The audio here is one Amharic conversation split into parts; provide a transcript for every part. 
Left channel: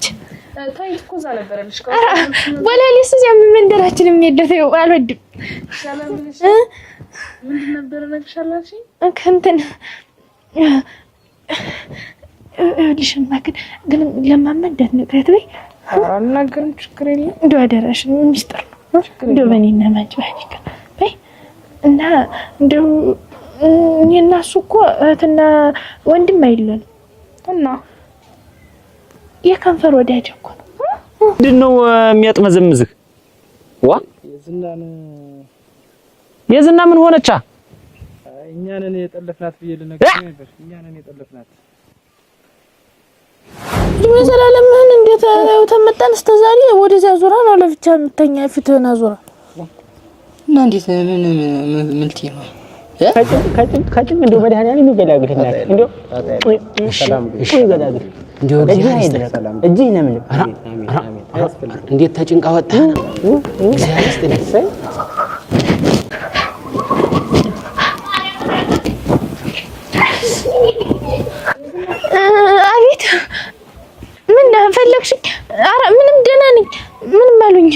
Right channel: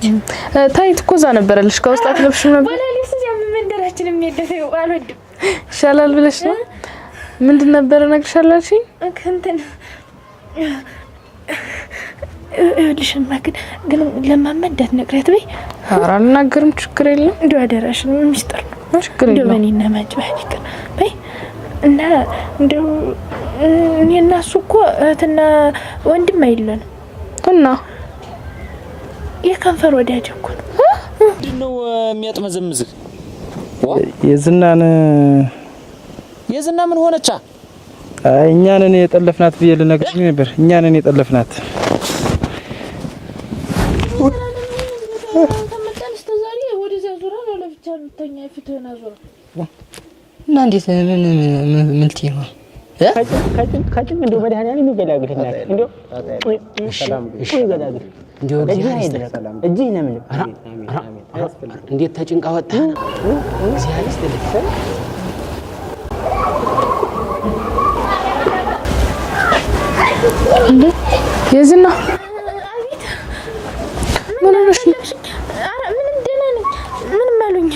አለች ታይት እኮ እዛ ነበረልሽ ከውስጥ አትለብሽም ነበር ወላሊስ እዚያ መንደራችን የሚደፈው አልወድም ይሻላል ብለሽ ነው ምንድን ነበር ነግርሻላችኝ ከንተን ልሽማ ግን ለማመደት ነግረት በይ ኧረ አልናገርም ችግር የለም እንደው አደራሽ ነው ሚስጥር ነው ችግር የለም እንደው እኔና ማጭባህ በይ እና እንደው እኔና እሱ እኮ እህትና ወንድም አይደለም እና የከንፈር ወዳጅ እኮ ነው ምንድነው የሚያጥመዘምዝህ የዝናን ምን ሆነቻ እኛ ነን የጠለፍናት ብዬ ልነግርሽ ነበር እኛ ነን የጠለፍናት ለዘላለም ምን እንዴት ተመጣን እስከዛሬ ወደዚያ ዞራ ነው ለብቻ የምተኛ ፊትህን አዞራ እና እንዴት ምን ልትይ ነው ካጭን እንደው መድኃኒዓለም ይገላግልና እንደው ሰላም ይገላግል እንደው እጂ ለምን እንዴት ተጭንቃ ወጣ እግዚአብሔር ይስጥልኝ የዝና አቤት ምን እንደፈለግሽ አረ ምንም ደህና ነኝ ምንም አሉኝ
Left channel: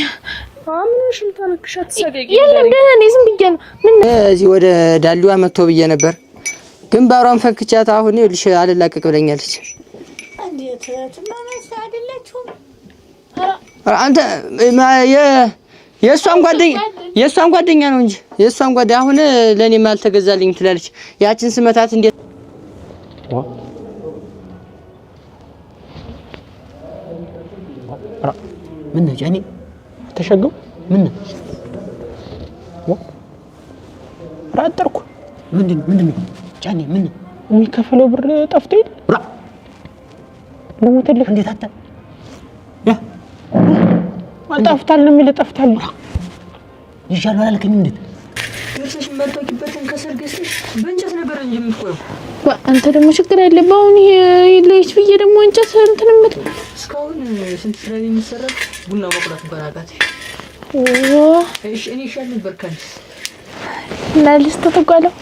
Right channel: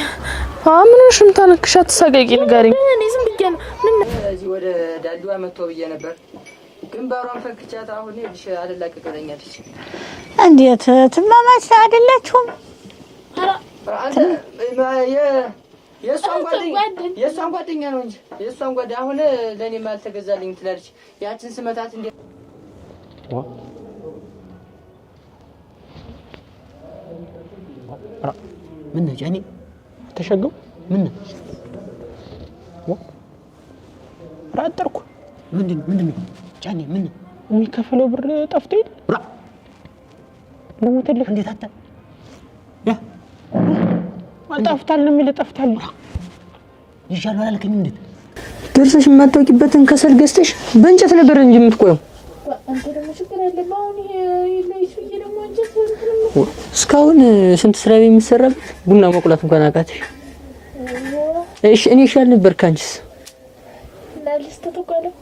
ምንሽ ምታነክሻት ሰገቂ ጋር ደህና ነኝ ዝም ብዬ ነው ምን እዚህ ወደ ዳሊዋ መጥቶ ብዬ ነበር ግንባሯን ፈክቻት አሁን ይልሽ አልላቀቅ ብለኛለች እንዴት ትማማች አይደላችሁም አንተ የሷን ጓደኛ ነው እንጂ የሷን ጓደኛ አሁን ለኔ ማልተገዛልኝ ትላለች ያችን ስመታት እንዴት ምን ጃኒ ተሸገው ምን ራጠርኩ ምንድን ጃኒ ምን የሚከፈለው ብር ጠፍቶ ይል ለሞተልህ እንዴት አታ ያ አጣፍታል የሚል ጠፍታል ይሻላል አላልከኝ እንዴት ደርሰሽ የማትወቂበትን ከሰል ገዝተሽ በእንጨት ነበር እንጂ የምትቆየው አንተ ደግሞ ችግር አይደለም አሁን ይለይሽ ብዬ ደግሞ እንጨት እንትን ምት እስካሁን ስንት ስራ የሚሰራ ቡና መቁላት እንኳን አቃተሽ እሺ እኔ ይሻል ነበር ካንቺስ ናልስ ተተጓለው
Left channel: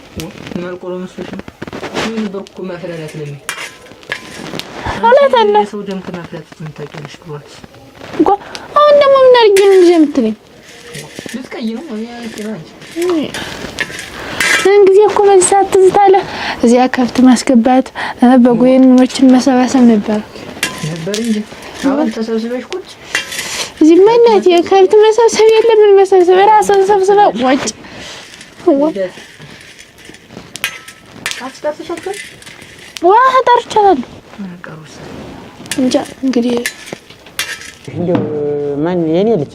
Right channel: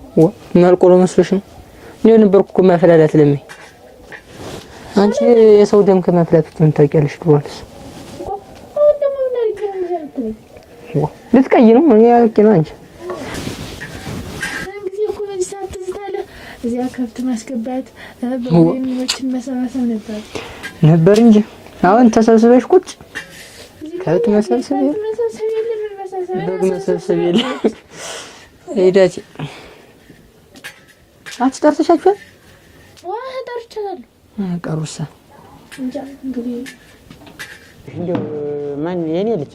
ማልቆሎ መስሎሽ ነው እኔ ነበርኩ እኮ ማፈላላት ለምን አንቺ የሰው ደም ከማፍላት ትንታቂያለሽ ትዋልስ እኮ አሁን ደግሞ ምን አድርጌ ነው እንጂ የምትለኝ ልትቀይ ነው እኔ ያልኩ ነው አንቺ እንግዲህ እኮ በዚህ ሰዓት ትዝታለ እዚያ ከብት ማስገባት በጎየኖችን መሰባሰብ ነበር እንጂ አሁን ተሰብስበሽ ቁጭ እዚህ ማለት የከብት መሰብሰብ የለም ምን መሰብሰብ ራስን ሰብስበው ወጭ ሄዳች አትጠርተሻል ዋህ ጠርቻለሁ ቀሩሳ እንጃ እንግዲህ እንደው ማን የኔ ልጅ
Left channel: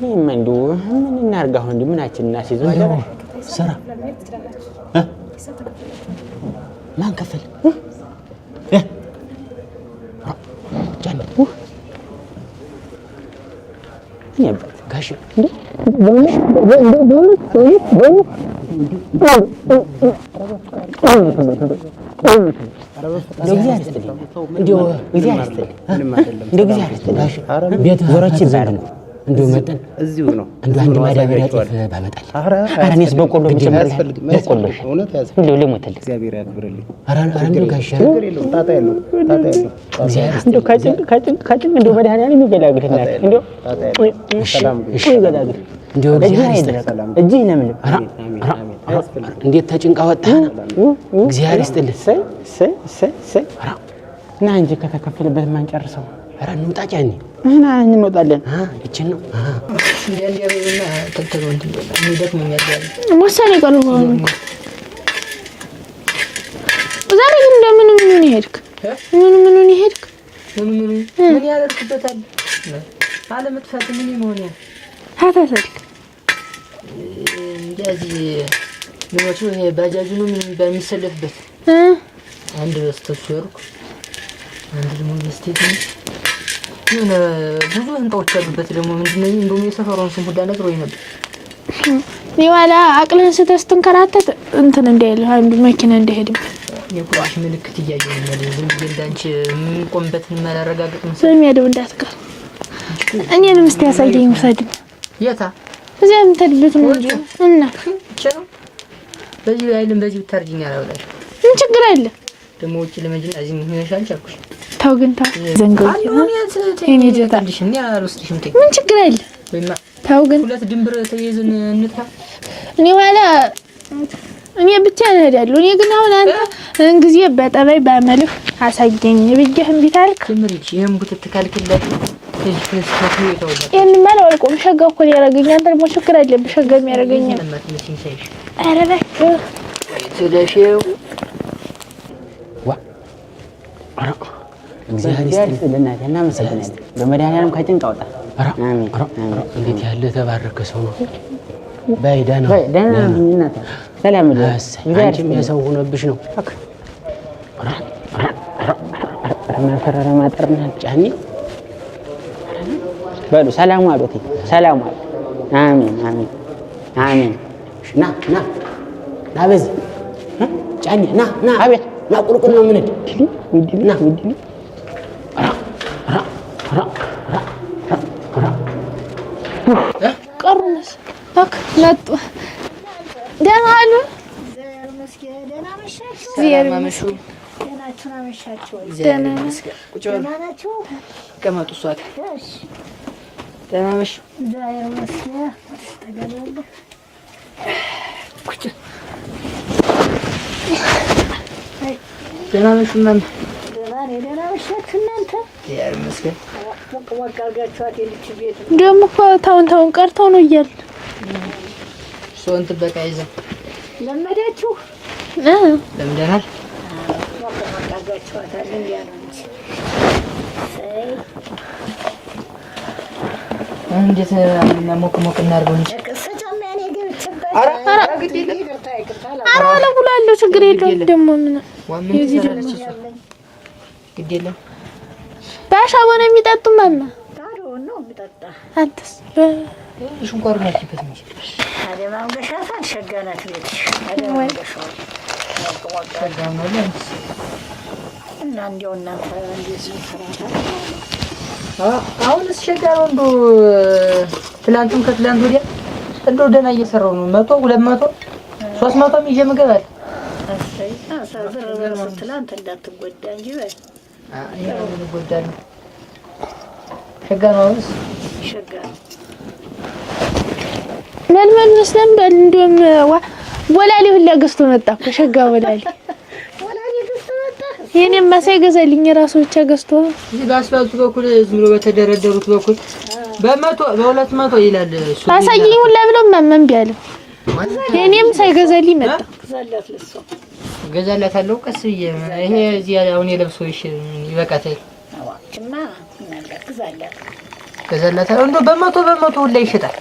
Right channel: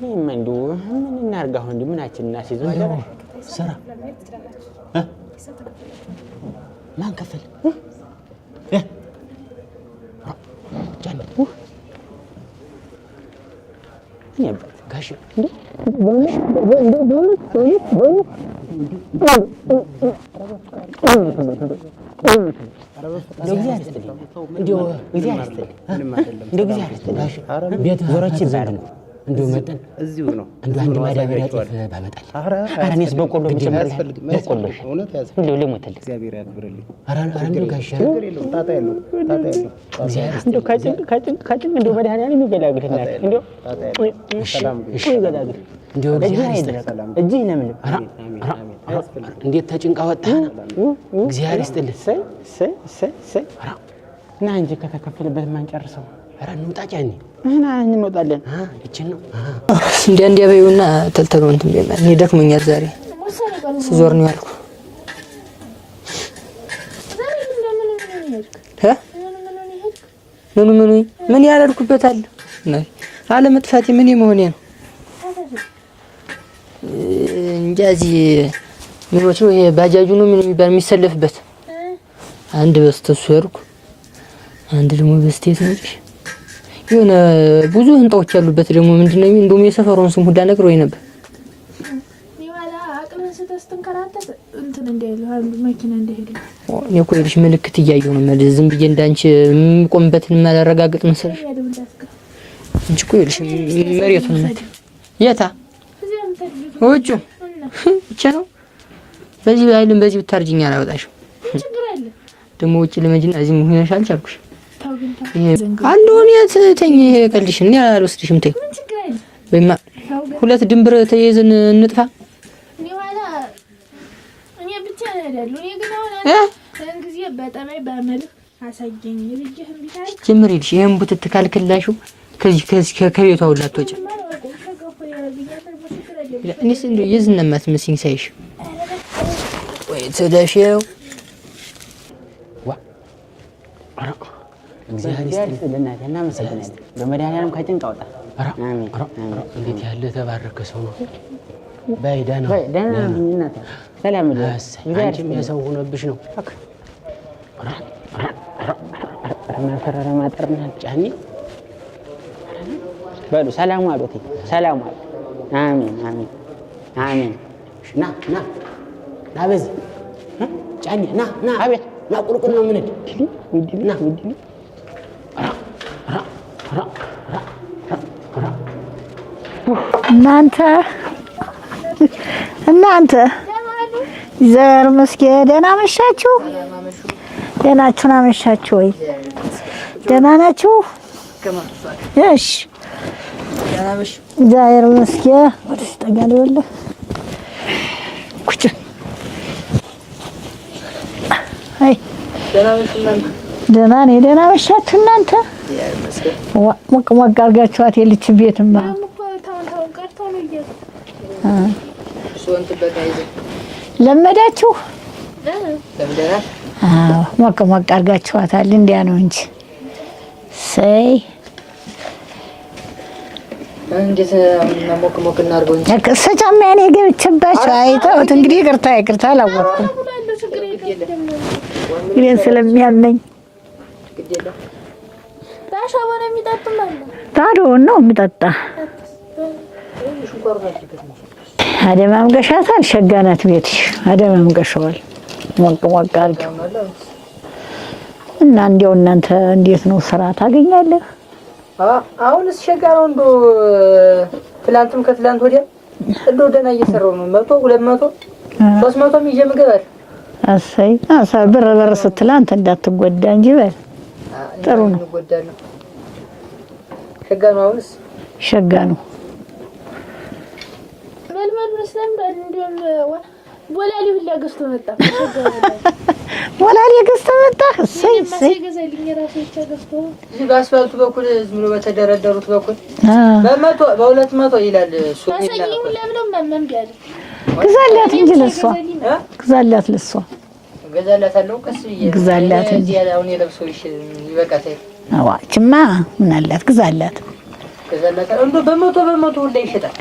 ምን እንደው ምን እናርጋው እንዴ ምናችን እናሲዘው ስራ ማን ከፈል ጃኒ ያባት ጋሽ እንዴ እንደው መጠን እዚሁ ነው እንደው አንድ ማዳበሪያ ጤፍ ባመጣል አራኔስ በቆሎ መጨመር በቆሎ እውነት ያዝ እንደው ለሞተል እግዚአብሔር ያክብርልኝ እንደው ጋሽ ችግር የለውም ጣጣ የለውም እንደው ካጭን እንደው መድኃኒዓለም ይገላግልና እንደው ሰላም ይገላግል እንደው እጂ ለምን እንዴት ተጭንቃ ወጣ እግዚአብሔር ይስጥልህ ሰይ እና እንጂ ከተከፈለበት ማን ጨርሰው ኧረ እንውጣ ጃኒ እና እንወጣለን እቺን ነው እንደ በይውና ተልተው እንትን እንደላ እኔ ደክሞኛል ዛሬ ወሰኔ ቀኑ ዞር ነው ዛሬ ግን እንደምን ይሄድክ ምን ይሄድክ ምን ያደርኩበታል አለ መጥፋት ምን ይመሆኔ ነው ታታታልክ እንጃዚ ምን ወጥቶ ይሄ ባጃጁ ነው ምን የሚባል የሚሰለፍበት አንድ በስተሱ ወርኩ አንድ ደግሞ በስቴት ነው የሆነ ብዙ ህንጣዎች ያሉበት ደግሞ ምንድነው እንደውም የሰፈሩን ስም ሁዳ ነገር ወይ ነበር ይዋላ አቅልን ስተስተንከራተት እንትን እንደይል አንዱ መኪና እንደሄድም የኮሌጅ ምልክት እያየሁ ነው ዝም ብዬ እንዳንቺ ቆምበትን ማላረጋግጥ መስሎኝ የሚያደው እንዳትቀር እኔንም እስቲ ያሳየኝ ፈድ የታ እዚያም ተድብት ነው እና እቺ ነው በዚህ አይልም በዚህ ብታርጅኛ አላወጣሽ ምን ችግር አለ ደግሞ ውጪ ለመጅና እዚህ ምን ሆነሻል ቻልኩሽ ታው ግን ታው ዘንገው አለው እኔ ተኝ ቀልሽ እኔ አልወስድሽም ተይ ምን ችግር አለ ወይማ ታው ግን ሁለት ድንብር ተይዘን እንጥፋ እኔ ኋላ እኔ ብቻ እሄዳለሁ እኔ ግን አሁን አንተ እንግዲህ በጠባይ ባመልህ አሳየኝ ብዬህም ቢታልክ ጀምሪልሽ ይሄን ቡትት ካልክላሹ ከዚህ ከተይታውላት እኔ ማለት አልቆም ሸጋው እኮ ያረጋኝ አንተ ደግሞ ችግር አለብህ ሸጋም ያረጋኝ ይዝነማት መስኝ ሳይሽ አረረ ወይ ተደሽው ዋ አራ እግዚአብሔር ይስጥልና እናመሰግናለን በመድኃኒዓለም ከጭንቅ አውጣ አሜን እንዴት ያለ ተባረከ ሰው ነው ባይዳና ባይዳና ሰላም ለስ አንቺም የሰው ሆነብሽ ነው ማፈራራ ማጠርና ጫኒ በሉ ሰላም አሉት ሰላም አሉ አሜን አሜን አሜን ና በዚህ ጫኒ ና አቤት ና ቁልቁል ነው ምን ና እናንተ ደህና አሉ ዘር መስኪ ደህና መሻችሁ ደህናችሁን አመሻችሁ ወይ ደህና ናችሁ እሺ ደህና ነሽ ዘር መስኪ ወደስ ተጋለ ወለ ኩጭ አይ ደህና ነሽ እናንተ ደህና ነኝ ደህና መሻችሁ እናንተ ሞቅ አድርጋችኋት የልጅ ቤትማ ደግሞ እኮ ታውን ቀርተው ነው እያለ ሶንት በቃይዘ ለመዳችሁ ለምደናል ሞቅ አድርጋችኋታል እንዲያ ነው እንጂ ሰይ እንዴት ሞቅ እናርገው እንጂ ከሰጫማ ያኔ ገብቼባቸው አይተውት እንግዲህ ይቅርታ አላወራለሁ ችግር የለውም ደግሞ ይሄን ስለሚያመኝ ግድ የለም ባሻ ወነ የሚጠጡ ማለት ነው ታዶ ነው የሚጠጣ አንተስ ሽንቆር ነው ሲፈትሽ አደማም ገሻታል ሸጋናት ቤትሽ አደማም ገሻዋል ሞቅ እና እንዴው እናንተ እንዴት ነው ስራ ታገኛለህ አሁንስ ሸጋራው እንዶ ትላንቱም ከትላንት ወዲያ እንዶ ደና እየሰራው ነው 100 200 300 ይዤ ምግባል አሰይ ብር ስትል አንተ እንዳትጎዳ እንጂ በል ጥሩ ነው ሸጋራውስ ሸጋ ነው መልመል መስለም በል እንደም ወላሊ ሁላ ገዝቶ መጣ ሸጋ ወላሊ ገዝቶ መጣ የኔም ማሳይ ገዛልኝ ራሱ ብቻ ገዝቶ እዚህ ባስፋልቱ በኩል ዝም ብሎ በተደረደሩት በኩል በ200 ይላል ታሳየኝ ሁላ ብሎ ማመን ቢያለው ገዛልኝ እኔም ሳይገዛልኝ መጣ ገዛላት ለሷ ገዛላታለሁ ቀስ ይያለኝ እዚህ ያለው የለብሰው ይበቃታል አዋጭማ ምን አላት ገዛላት እንዶ በ100 ሁላ ይሸጣል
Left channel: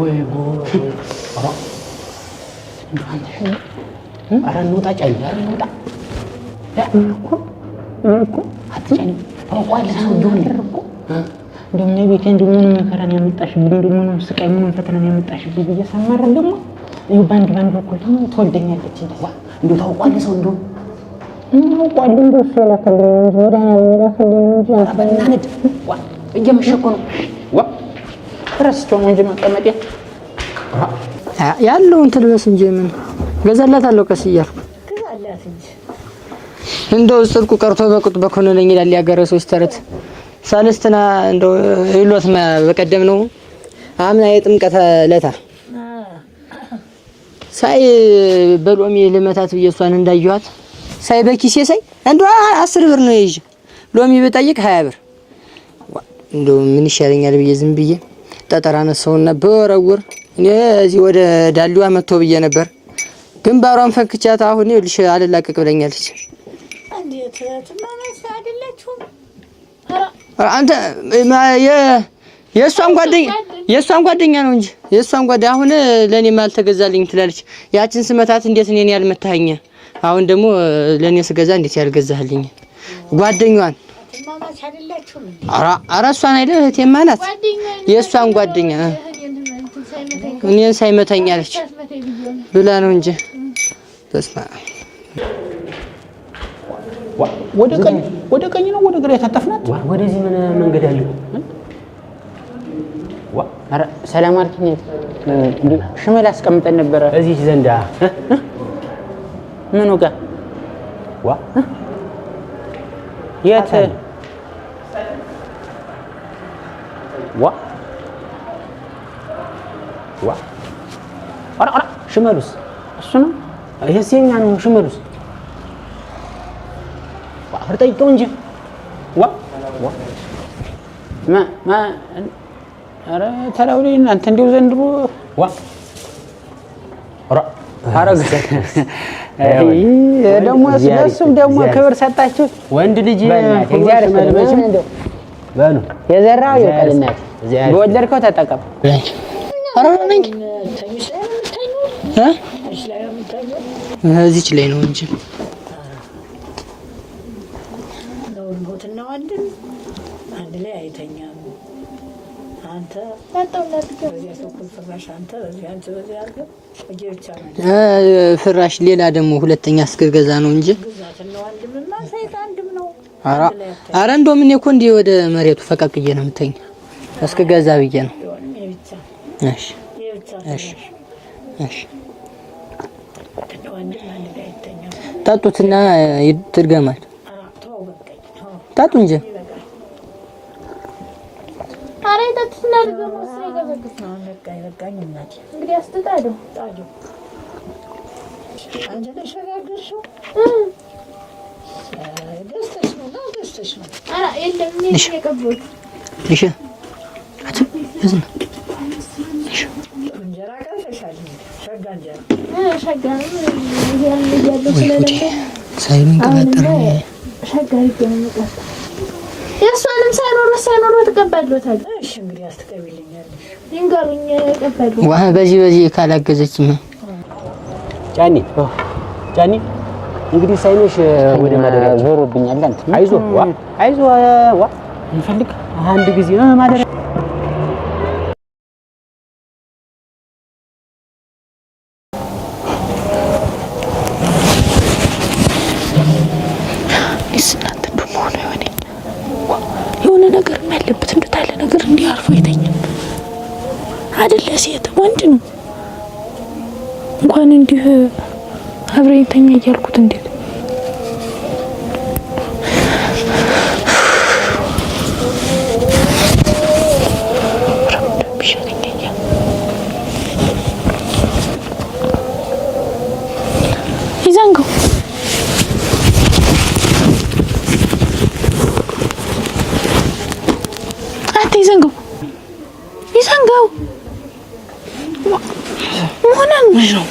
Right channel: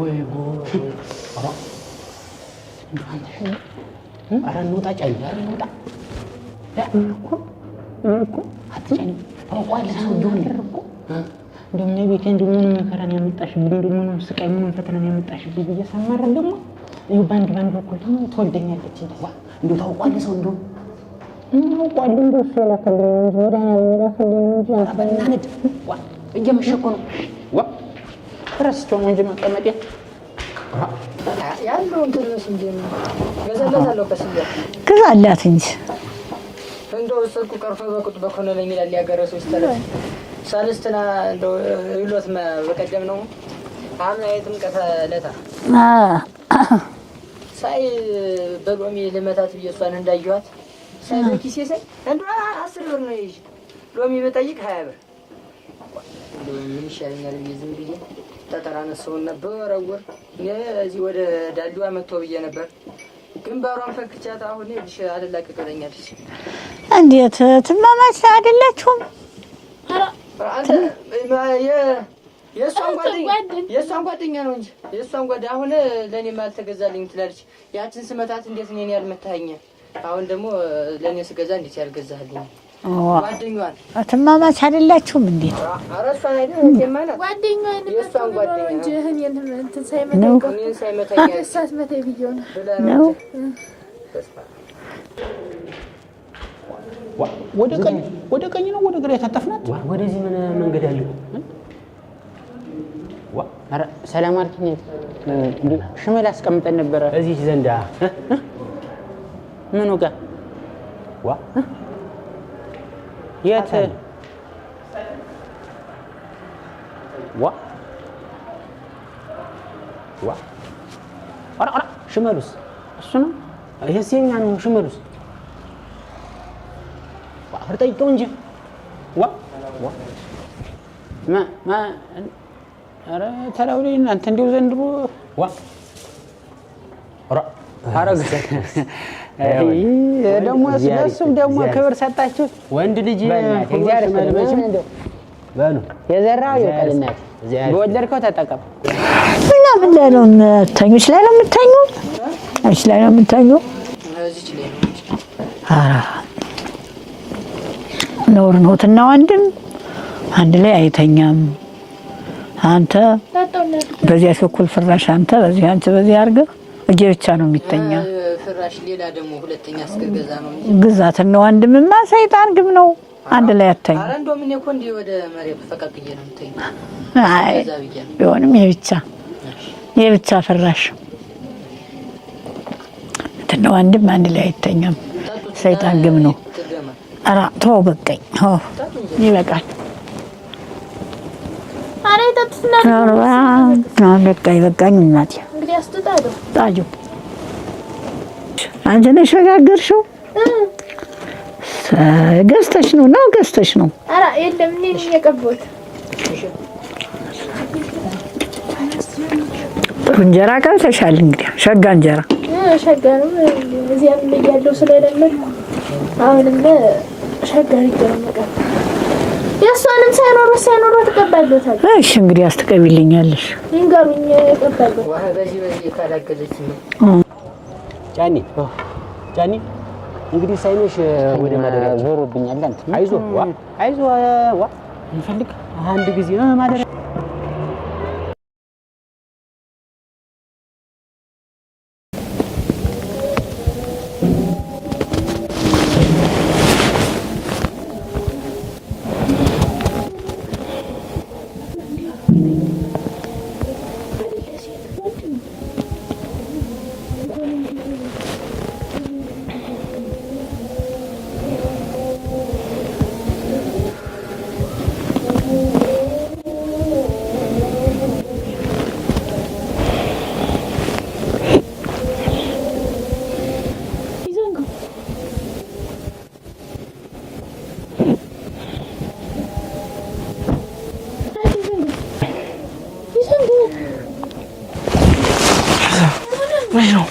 ወይ ጉድ ኧረ እንውጣ ጫኝ ኧረ እንውጣ እኮ አትጫኝ ታውቃለህ ሰው እኮ እንደምን ቤቴ እንደምን መከራን ያመጣሽብኝ እንደምን ስቃይ ምን ፈተናን ያመጣሽብኝ እየሰማረ ደግሞ ይኸው ባንድ በኩል ደግሞ ትወልደኛለች እንደው ታውቃለህ ሰው እንደው ታውቃለህ እንደው ሰላከልኝ እንጂ አባናነድ እየመሸኮ ነው ረስቶ ነው እንጂ መቀመጥ ያለውን ትልበስ እንጂ ምን ገዛላታለሁ ቀስያ ገዛላት እንጂ እንደው ጽድቁ ቀርቶ በቁጥ በኮነለኝ ይላል ያገረሶች ተረት ሳልስትና እንደው ይሎት በቀደም ነው አምና የጥምቀት ለታ ሳይ በሎሚ ለመታት በየሷን እንዳይዋት ሳይ በኪሴ ሳይ እንደው 10 ብር ነው ይዤ ሎሚ በጠይቅ 20 ብር እንደው ምን ይሻለኛል ብዬ ዝም ብዬ ጠጠራ ነሰውና በወረውር እኔ እዚህ ወደ ዳሊዋ መጥቶ ብዬ ነበር ግንባሯን ፈክቻት አሁን ይልሽ አልላቀቅ ብለኛለች እንዴት ትማማች አይደላችሁም አንተ የሷን ጓደኛ ነው እንጂ የሷን ጓደኛ አሁን ለኔ ማልተገዛልኝ ትላለች ያችን ስመታት እንዴት እኔን ያልመታኸኝ አሁን ደግሞ ለኔ ስገዛ እንዴት ያልገዛህልኝ ጓደኛዋን ትማማች አይደላችሁም እንዴ ኧረ እሷን አይደል እህቴማ ናት የሷን ጓደኛ እኔን ሳይመታኛለች ብላ ነው እንጂ ተስማ ወደ ቀኝ ነው ወደ ግራ የታጠፍናት ወደዚህ ምን መንገድ አለው ኧረ ሰላም አልከኝ ሽመል አስቀምጠን ነበር እዚህ ዘንዳ ምኑ ጋር ዋ የት ዋ ዋ ኧረ ሽመሉስ እሱ ነው ይሄስ የኛ ነው ሽመሉስ ዋ ጠይቀው እንጂ ዋ ማ ኧረ ተላው ላይ እናንተ እንደው ዘንድሮ ዋ ኧረ አረግ ደግሞ ስለሱም ደግሞ ክብር ሰጣችሁ ወንድ ልጅ እግዚአብሔር መልመችም እንደው በሉ የዘራው ይቀልናት በወለድከው ተጠቀም ተኝሽ ላይ ነው የምትተኙ እሺ ላይ ነው የምትተኙ እዚች ላይ ነው እንጂ አራ ኖር ኖትና ወንድም አንድ ላይ አይተኛም አንተ በዚያ በኩል ፍራሽ አንተ በዚህ አንተ በዚህ አድርገህ እጄ ብቻ ነው የሚተኛው ፍራሽ ሌላ ደግሞ ሁለተኛ እስከገዛ ነው እንጂ ግዛትና ወንድምማ ሰይጣን ግብ ነው አንድ ላይ አተኛ አረ እንደው ምን እኮ እንዲህ ወደ መሬቱ ፈቀቅዬ ነው የምተኛ እስከገዛ ብዬ ነው ቢሆንም የብቻ እሺ የብቻ ፍራሽ እሺ እንትና ወንድም አንድ ላይ አይተኛም ታጡትና ይትርገማል አራ ተው በቃኝ ታጡ እንጂ ይበቃል አረ ታጡና አራ በቃ ይበቃኝ እናቴ እንግዲህ አስተጣዶ ታጁ አንቺ ነሽ ሸጋገርሽው ገዝተሽ ነው ገዝተሽ ነው አራ የለም እኔ የቀበልኩት እሺ ጥሩ እንጀራ ቀምሰሻል እንግዲህ ሸጋ እንጀራ ሸጋ ነው እዚህ ያለው ስለሌለ አሁንም ሸጋ ይገኛል የሷንም ሳይኖር ተቀባሉታል እሺ እንግዲህ አስተቀቢልኛለሽ ይንገሩኝ ተቀባሉ ዋ በዚህ ካላገዘችኝ ጫኒ እንግዲህ ሳይነሽ ወደ ማደሪያ ዞሮብኛል አንተ አይዞ ዋ እንፈልግ አንድ ጊዜ ማደሪያ ሴት ወንድ ነው እንኳን እንዲህ አብረኝተኛ እያልኩት እንዴት ይዘንገው አንተ ይዘንገው ነው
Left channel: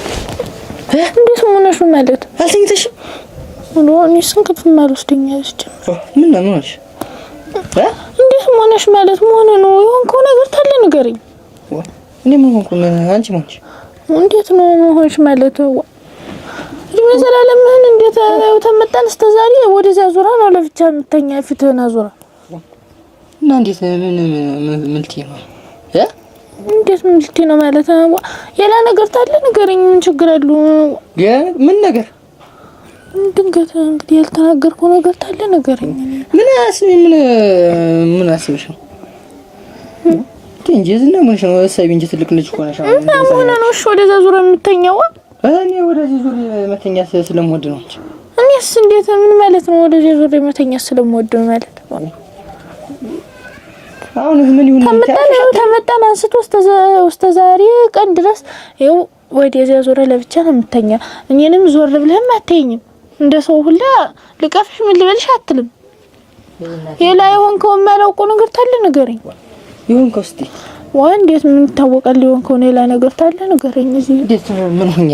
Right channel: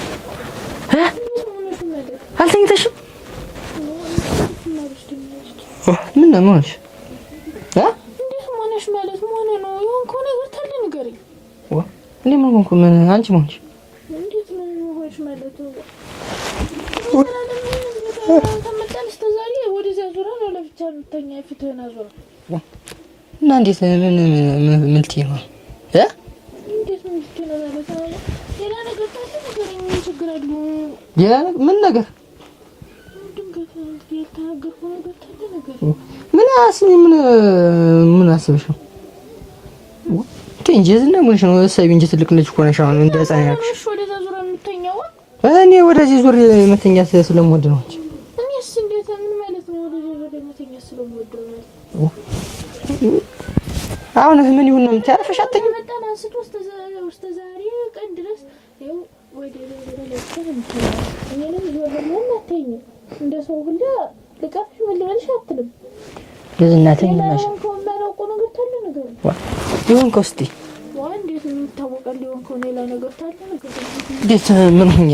እንዴት ሆነሽ ማለት አልተኝተሽም ነው እኔስ እንቅልፍ ማልወስደኛለሽ ምን ነው ሆነሽ እንዴት ሆነሽ ማለት ሆነ ነው የሆንከው ነገር ታለ ንገረኝ እኔ ምን ሆንኩ ምን አንቺ ሆነሽ እንዴት ነው ሆነሽ ማለት ለዘላለም ምን እንዴት ተመጣን እስከዛሬ ወደዛ ዙራ ነው ለብቻ የምተኛ ፊትህን አዙራ እና እንዴት ምን ልትይ ነው እንዴት ምን ልትይ ነው ማለት የላ ነገር ታለ ንገረኝ ምን ችግር አለው ምን ነገር ድንገት እንግዲህ ያልተናገርኩ ነገር ታለ ንገረኝ ምን አስብሽ እንጂ ምንሽ ነው ሳይብ እንጂ ትልቅ ልጅ ሆነሽ አሁን እንደዛ ነው እሺ ወደዛ ዙራ የምተኛው እኔ ወደዚህ ዙር መተኛ ስለምወድ ነው እኔስ እንዴት ምን ማለት ነው ወደዚህ ዙር መተኛ ስለምወድ ማለት አሁን ምን ይሁን ተመጣን አንስቶ እስከ ዛሬ ቀን ድረስ ይኸው ወደዚያ ዙር ለብቻ ነው የምተኛ እኔንም ዞር ብለህም አትተኝም እንደ ሰው ሁላ ልቀፍሽ ምን ልበልሽ አትልም የላ የሆንከው የማላውቀው ነገር ታለ ንገረኝ የሆንከው እስቲ እንዴት ምን ታወቃል የሆንከው ሌላ ነገር ታለ ንገረኝ እንዴት ምን ሆኛ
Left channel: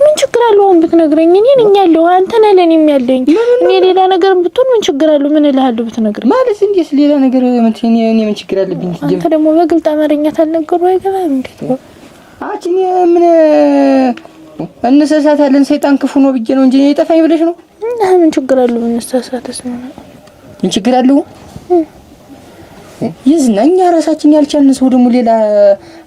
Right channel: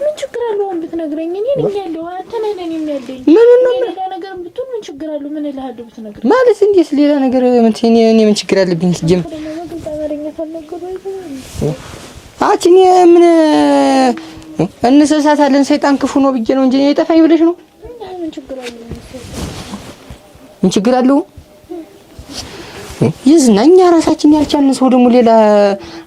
ምን ችግር አለው ብትነግረኝ እኔ ነኝ ያለው አንተ ነህ ለኔም ያለኝ እኔ ሌላ ነገር ብትሆን ምን ችግር አለው ምን እልሃለሁ ብትነግረኝ ማለት እንዴት ሌላ ነገር እኔ ምን ችግር አለብኝ ጀም አንተ ደግሞ በግልጽ አማርኛ ታልነገሩ አይገባም እንዴ አቺ ምን እንሰሳታለን ሰይጣን ክፉ ነው ብዬ ነው እንጂ የጠፋኝ ብለሽ ነው እና ምን ችግር አለው እንሰሳታስ ምን ችግር አለው ይዝናኛ ራሳችን ያልቻልን ሰው ደግሞ ሌላ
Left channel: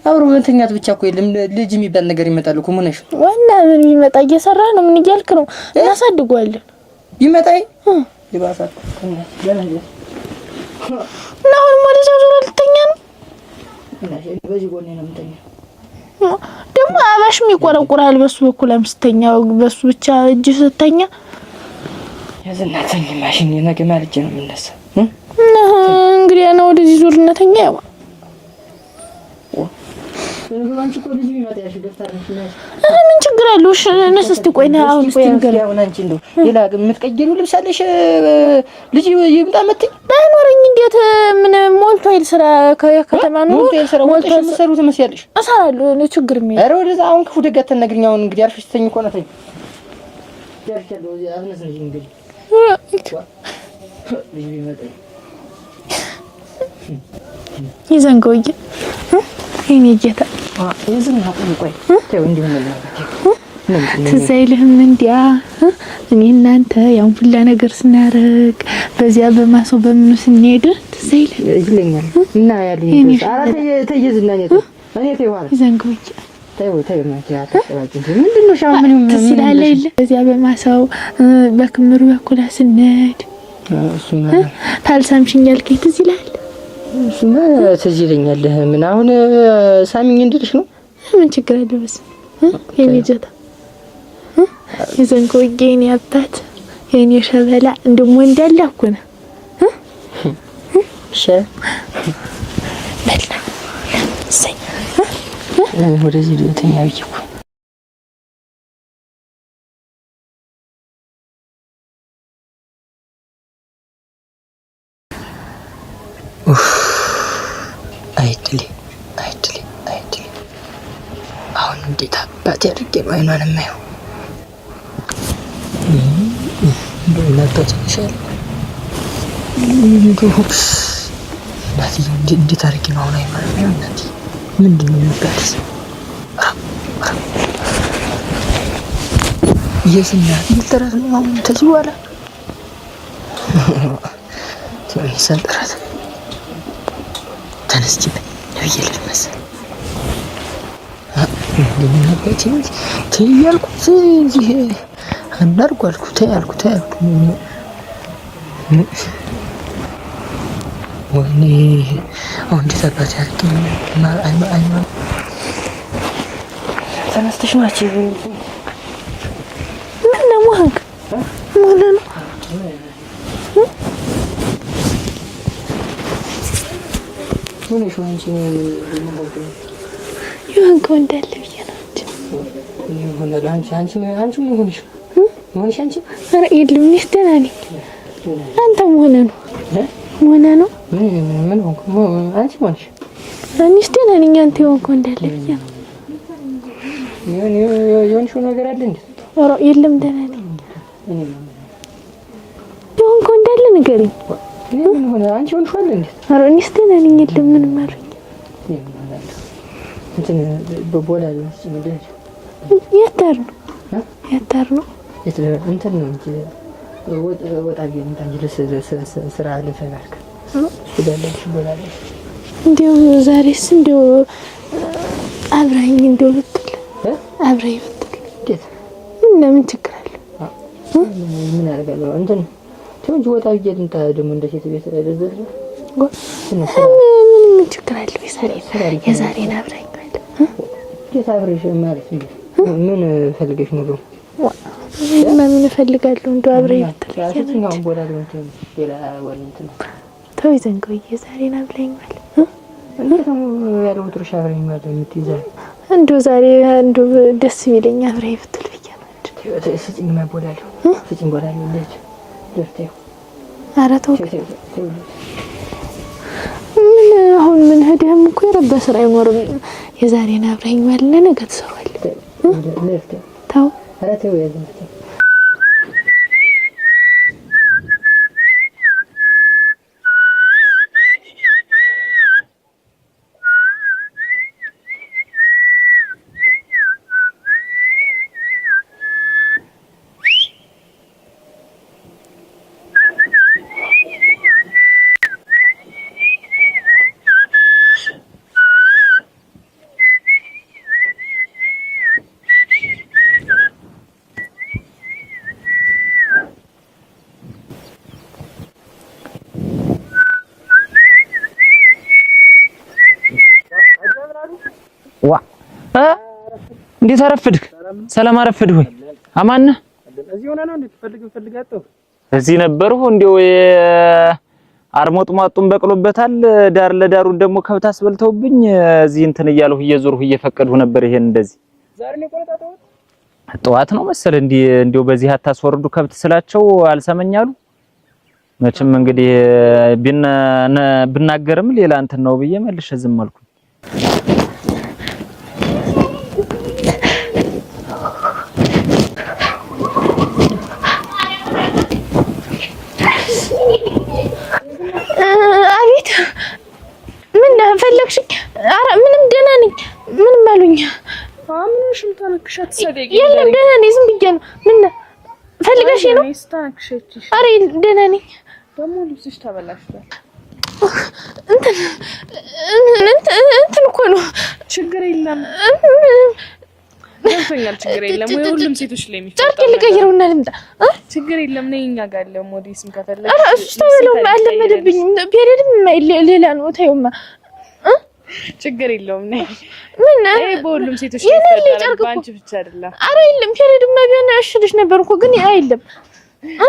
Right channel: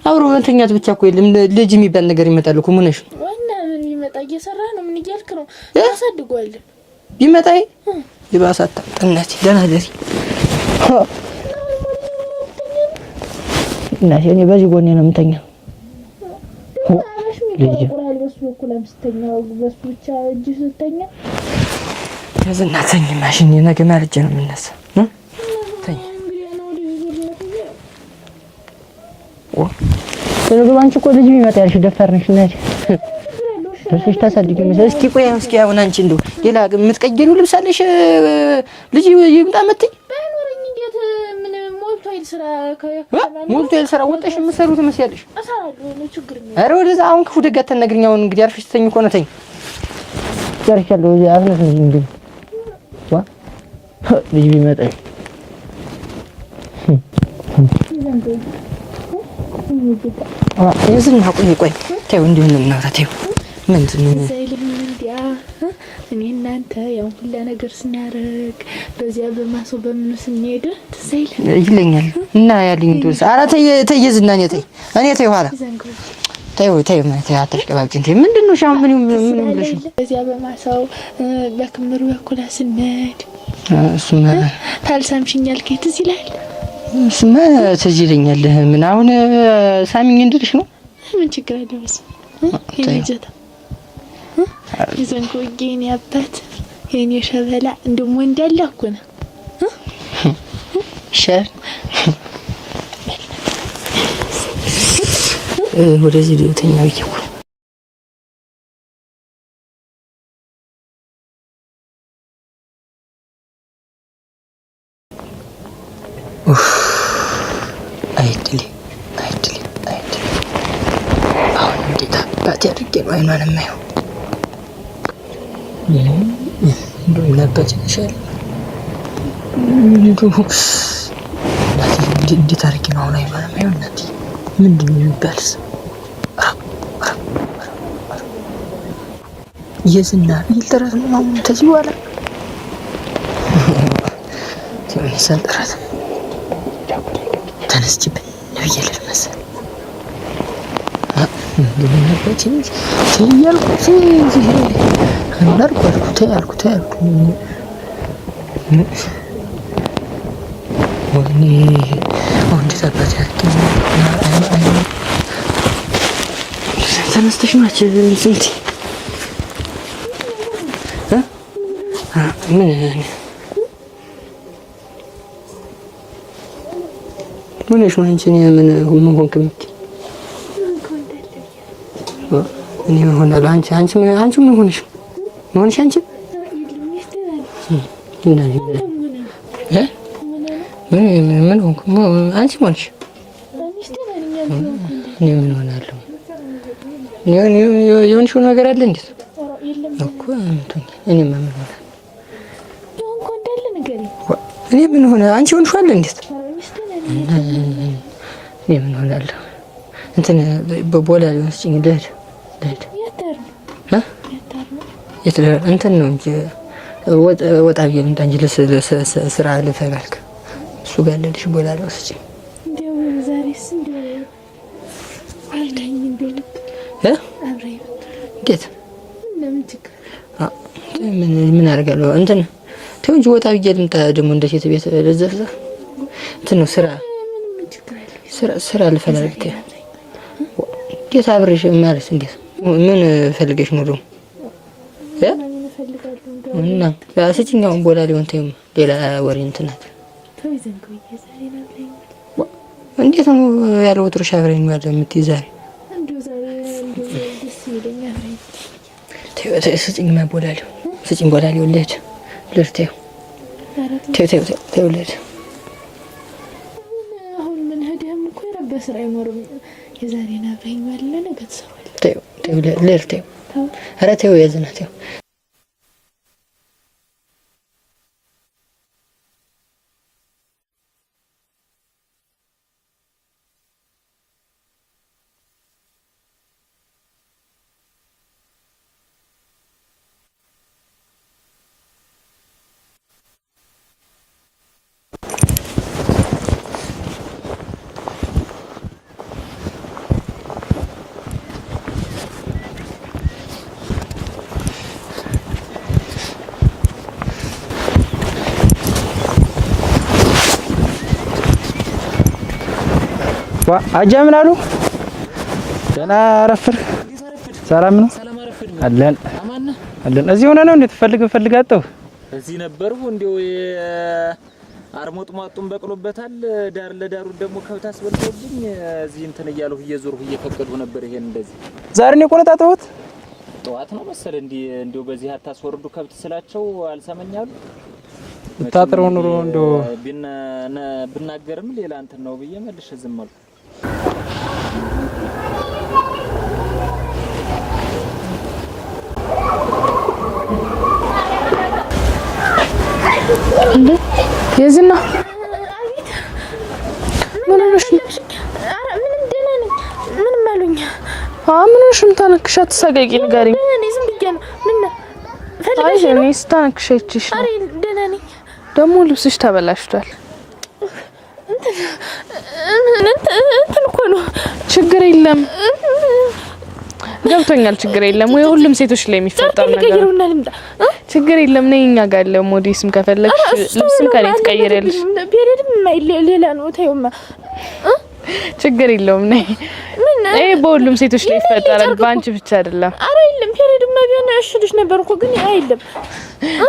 አብሮ መንተኛት ብቻ እኮ የለም ልጅ የሚባል ነገር ይመጣል እኮ ምን ነሽ ዋና ምን ይመጣ እየሰራ ነው ምን ይያልክ ነው ያሳድጓለን ይመጣይ ይባሳታ ጥነት ደህና ደሪ እና አሁን ወደዛ ዙር ልተኛ ነው እና እኔ በዚህ ጎኔ ነው የምተኛ ደግሞ አባሽም ይቆረቁራል በሱ በኩል አምስተኛ በሱ ብቻ እጅ ስተኛ ያዝናተኝ ማሽን ነገ ማርጀ ነው የምነሳ እንግዲህ ነው ወደዚህ ዙርነተኛ ያው ለነገ ባንቺ እኮ ልጅ ቢመጣ ያልሽ ደፋር ነሽ ነሽ ምን ችግር አለው? እሺ እስቲ ቆይ አሁን አንቺ እንደው ሌላ የምትቀየሪው ልብስ አለሽ ልጅ ይምጣ መጥኝ ባይኖረኝ እንዴት ምን ሞልቶ አይል ስራ ከተማ ነው ሞልቶ አይል ስራ ወጥሽ የምትሰሩት መስያለሽ እሰራለሁ ነው ችግር ምን ኧረ ወደዛ አሁን ክፉ ደጋ ተነግሪኛው እንግዲህ አርፈሽ ተኝ እኮ ነተኝ ጨርሻለሁ አሁንስ እንዴ ልጅ ቢመጣ ይዘንጎይ እኔ ጌታ ይዝና ቆይ ተው እንዴ ምን ነው ተው ትዘይልህም እንዲያ እኔ እናንተ ያው ሁላ ነገር ስናረግ በዚያ በማሰው በምኑ ስንሄድ ትዘይል ይለኛል እና ያለኝ ድረስ ኧረ ተይዝና እኔ ተይ ኋላ ይዘንጎይ ተይ አትሽቀባጭ እንዴ ምንድነው ሻው ምን ይላል በዚያ በማሰው በክምሩ በኩል ስንሄድ እሱማ ታልሳምሽኝ ያልከኝ ትዝ ይላል እሱማ ትዝ ይለኛል ምን አሁን ሳሚኝ እንድልሽ ነው ምን ችግር አለው በስ የኔጀታ ይዘንኮ የኔ አባት የኔ ሸበላ እንደሞ እንዳለኩ ነው ሸር በላ ወደዚህ ተኛው ይኩ አይድሊ አሁን እንዴት አባት ያድርጌ ነው አይኗን የማየው እንደው ላባጭ ይሻል እንዴት አድርጌ ነው አሁን አይኗን የማየው እናቴ ምንድን ነው የሚባልስ የዝና ይልጠራት ነው አሁን ተዚህ በኋላ ትንሽ ጠራት ተነስችበት ነብየልህ መሰል ለምናበት ትያልኩት እዚህ አንዳርኳልኩት ያልኩት ወይኔ አሁን እንዴት አባት ያርገኝ አይማ ተነስተሽ ማች ይልጽልት ምን ነው ሞህን ምን እሺ አንቺ ምን ሆንክ ይሆንክ እንዳለ ብዬሽ ነው እኔ ሆናለሁ አንቺ ምን ሆነሽ አንቺ ኧረ የለም እኔስ ደህና ነኝ አንተ ሆነ ነው ምን ሆንክ አንቺ ሆነሽ እኔስ ደህና ነኝ አንተ ይሆንክ እንዳለ ሆናለሁ የሆንሽው ነገር አለ እንዴ ኧረ የለም ደህና እኔ ምን ይሆንክ እንዳለ ንገሪኝ እኔ ምን ሆነ አንቺ ሆንሽ አይደል እንዴ ኧረ እኔስ ደህና ነኝ የለም ምን ማለት እኔ ምን ሆናለሁ እንትን በቦላ ለመስጭኝ ልሄድ ያታር ነው እንትን ነው እንጂ ወጣ ቢል እንዳንጂ ለስራ ለፈላልክ እሱ ጋለልሽ ቦላ ለመስጭኝ እንደው ዛሬስ እንደው አብራኝ እንደው ልትል አብራኝ ብትል እንዴት ምን ችግር አለ ምን አደርጋለሁ እንትን ተው እንጂ ወጣ ቢል እንታ ደግሞ እንደ ሴት ቤት ለዘፍዘ እንትን ነው ስራ ምን ችግር አለ ስራ ለፈላልክ አብራኝ እንዴት አብረሽ ማለት እንዴት ምን ፈልገሽ ነው ደግሞ ምን እፈልጋለሁ እንደው አብረኝ ታስጭኛው ቦላ ሊሆን ሌላ ወሬ እንትን ተው ይዘንገው የዛሬን አብረኝ ማለት እንዴት ነው ያለው ወጥሮሽ አብረኝ ማለት የምትይዛሪ እንደው ዛሬ እንደው ደስ ይለኛ አብረኝ ብትል ብቻ ስጭኝ ቦላ ሊሆን ስጭኝ ቦላ ሊሆን ለርቴው ኧረ ተው ለርቴው ምን አሁን ምን ሄደህም እኮ የረባ ስራ አይኖርም የዛሬን አብረኝ ማለት ነገ ትሰራዋለህ ለርቴው ተው ኧረ ተው ያዝና ተው አጃ ምን አሉ ዋ አረፍድ እንዴት አረፍድህ? ሰላም ነው? ሰላም አረፍድህ? አለን አማን ነህ? አለን። እዚህ ሆነ ነው እንዴት ፈልጋጠው? እዚህ ነበርሁ እንደው አርሞጥሟጡን በቅሎበታል። ዳር ለዳሩ ደግሞ ከብት አስበልተውብኝ እዚህ እንትን እያልሁ እየዞርሁ እየፈቀድሁ ነበር። ይሄን እንደዚህ ዛሬ ነው ቆነጣጣሁት። ጠዋት ነው መሰለ እንደው በዚህ አታስወርዱ ከብት ስላቸው አልሰመኛሉ። መቼም እንግዲህ ብናገርም ሌላ እንትን ነው ብዬ መልሼ ዝም አልኩ። የዝና አቤት። ምን ፈለግሽኝ? ኧረ ምንም ደህና ነኝ። ምንም አሉኝ። ምን ሆነሽም? ታነክሻት ተሳቀቂ ጋር ደህና ነኝ። ዝም ብዬሽ ነው። ምን ፈልገሽ ነው? እኔ ስታነክሽሽ። ኧረ ደህና ነኝ። ደግሞ ልብስሽ ተበላሽቷል። እንትን እኮ ነው። ችግር የለም ገብቶኛል። ችግር የለም ወይ ሁሉም ሴቶች ላይ የሚፈጠር ነገር ችግር የለም። ነይ እኛ ጋር አለ ሞዴስም ከፈለግሽ ልብስም ከላይ ትቀይሪያለሽ። ፔሪድም ሌላ ነው። ታዩማ ችግር የለውም። ነይ ነይ በሁሉም ሴቶች ላይ ይፈጠራል፣ ባንቺ ብቻ አይደለም። አረ የለም ፔሪድም ቢሆን እሽልሽ ነበር እኮ ግን አይደለም።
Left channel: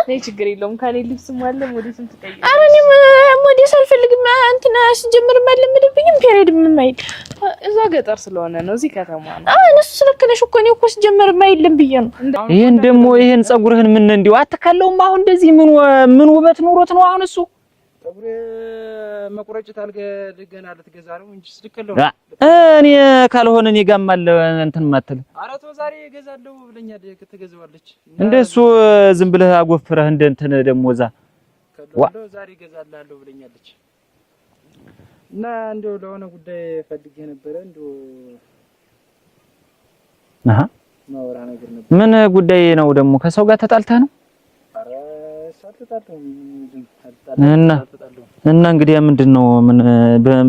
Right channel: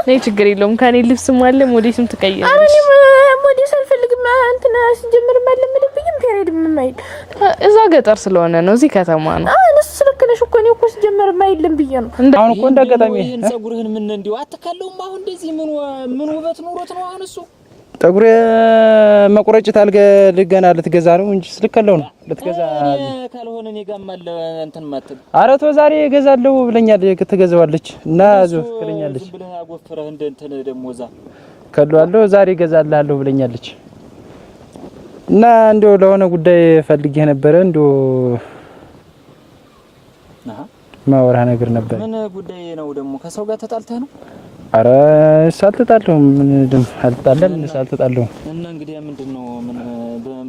ነይ ችግር የለውም። ከኔ ልብስም አለ ሞዴስም ትቀይሪያለሽ። አረ እኔ ሞዴስ አልፈልግም። እንትና ሲጀምር ማለምልብኝም ፔሪድም ማይል እዛ ገጠር ስለሆነ ነው፣ እዚህ ከተማ ነው። እነሱ ስለከነሽ እኮ ነው እኮ ሲጀምር ማይልም ብዬ ነው። ይሄን ደግሞ ይሄን ጸጉርህን ምን እንዲው አትከለውም? አሁን እንደዚህ ምን ውበት ኑሮት ነው አሁን እሱ ጠጉሬ መቆረጭት ልገና ልትገዛ ነው እንጂ ስልከለው ነው። እኔ ካልሆነ እኔ ጋርም አለ እንትን ማተል አረቶ ዛሬ እገዛለሁ ብለኛል። ትገዛዋለች እና እሱ ዝም ብለህ አጎፍረህ እንደ እንትን ደሞዛ ከሏለሁ ዛሬ እገዛላለሁ ብለኛለች። እና እንደው ለሆነ ጉዳይ ፈልጌ ነበር። እንደው ማወራ ነገር ነበር። ምን ጉዳይ ነው ደግሞ? ከሰው ጋር ተጣልተህ ነው? አረ ሳልተጣለው ምን ደም ሳልተጣለው እና እንግዲህ ምንድነው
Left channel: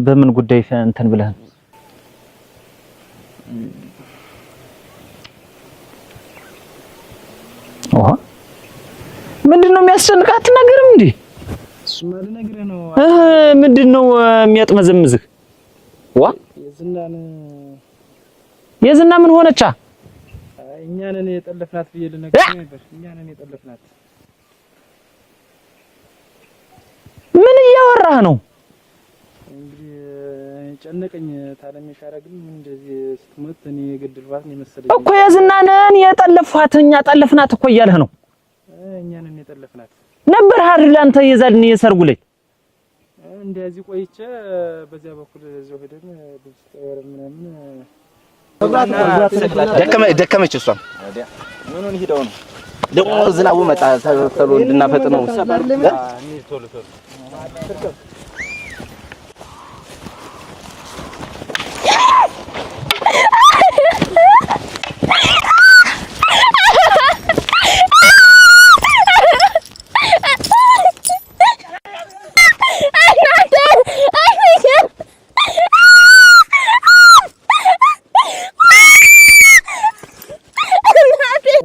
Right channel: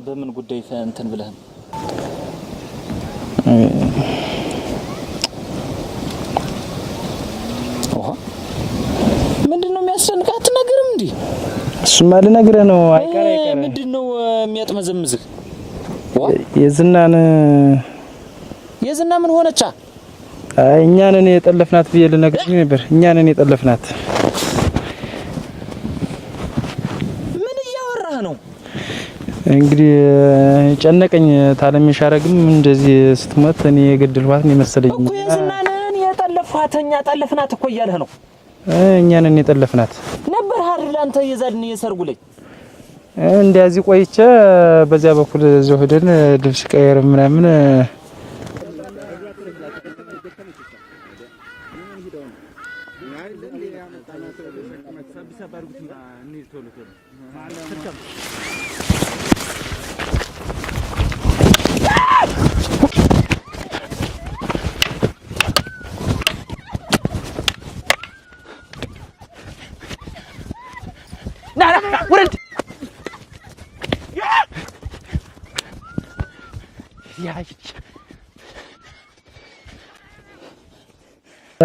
በምን ጉዳይ እንትን ብለህ ምንድነው የሚያስጨንቃት ነገርም እንዴ? እሱማ ልነግርህ ነው። ምንድነው የሚያጥመዘምዝህ? የዝና ምን ሆነቻ? እኛ ነን የጠለፍናት ብዬ ልነግርህ ነበር። እኛ ነን የጠለፍናት። ምን እያወራህ ነው? እንግዲህ ጨነቀኝ። ታለምሽ አረግም እንደዚህ ስትሞት እኔ የገደልኋት ነው መሰለኝ እኮ። የዝና ነን የጠለፍኋት፣ እኛ ጠለፍናት እኮ እያለህ ነው። እኛ ነን የጠለፍናት ነበር አይደል? አንተ የዛልን የሰርጉ ላይ እንደዚህ ቆይቼ በዚያ በኩል እዚሁ ሄደን ልብስ ቀየር ምናምን ደከመች። እሷም ምኑን ሄደው ነው ደግሞ ዝናቡ መጣ ተሎ እንድናፈጥነው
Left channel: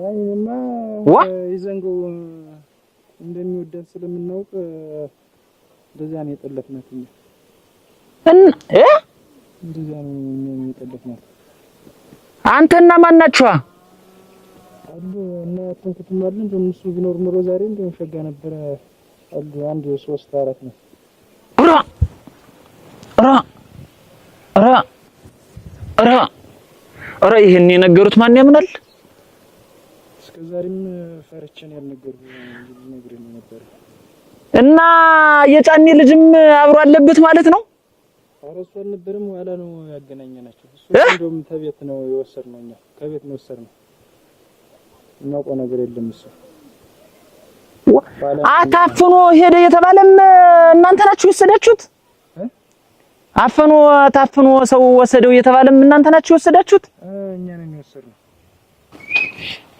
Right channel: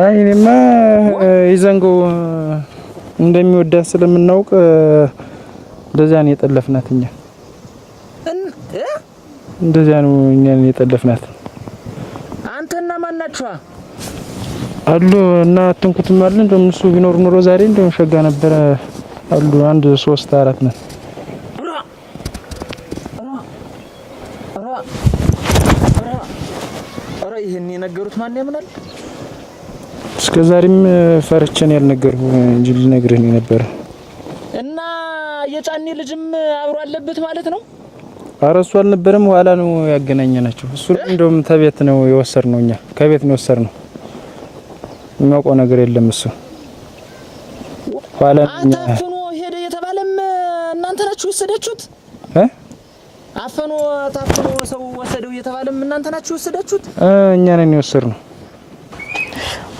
እኔማ ይዘንጎ እንደሚወዳት ስለምናውቅ እንደዚያ ነው የጠለፍናት። እኛ እንደዚያ ነው እኛን የጠለፍናት። አንተና ማን ናችሁ አሉ? እና አትንኩትም አለ። እንደውም እሱ ቢኖር ኑሮ ዛሬ እንደውም ሸጋ ነበር አሉ። 1 3 4 ነን። ኧረ ይሄን የነገሩት ማን ያምናል? እስከዛሬም ፈርቼን ያልነገርኩ እንጂ ልነግርህ ነው ነበር። እና የጫኔ ልጅም አብሮ አለበት ማለት ነው? ኧረ እሱ አልነበረም፣ ኋላ ነው ያገናኘናቸው። እሱ እንደውም ተቤት ነው የወሰድነው፣ እኛ ከቤት ነው የወሰድነው። የሚያውቀው ነገር የለም እሱ። አታፍኖ ሄደ የተባለም እናንተ ናችሁ የወሰዳችሁት? ታፍኖ ሰው ወሰደው የተባለም እናንተ ናችሁ የወሰዳችሁት? እኛ ነን የወሰድነው።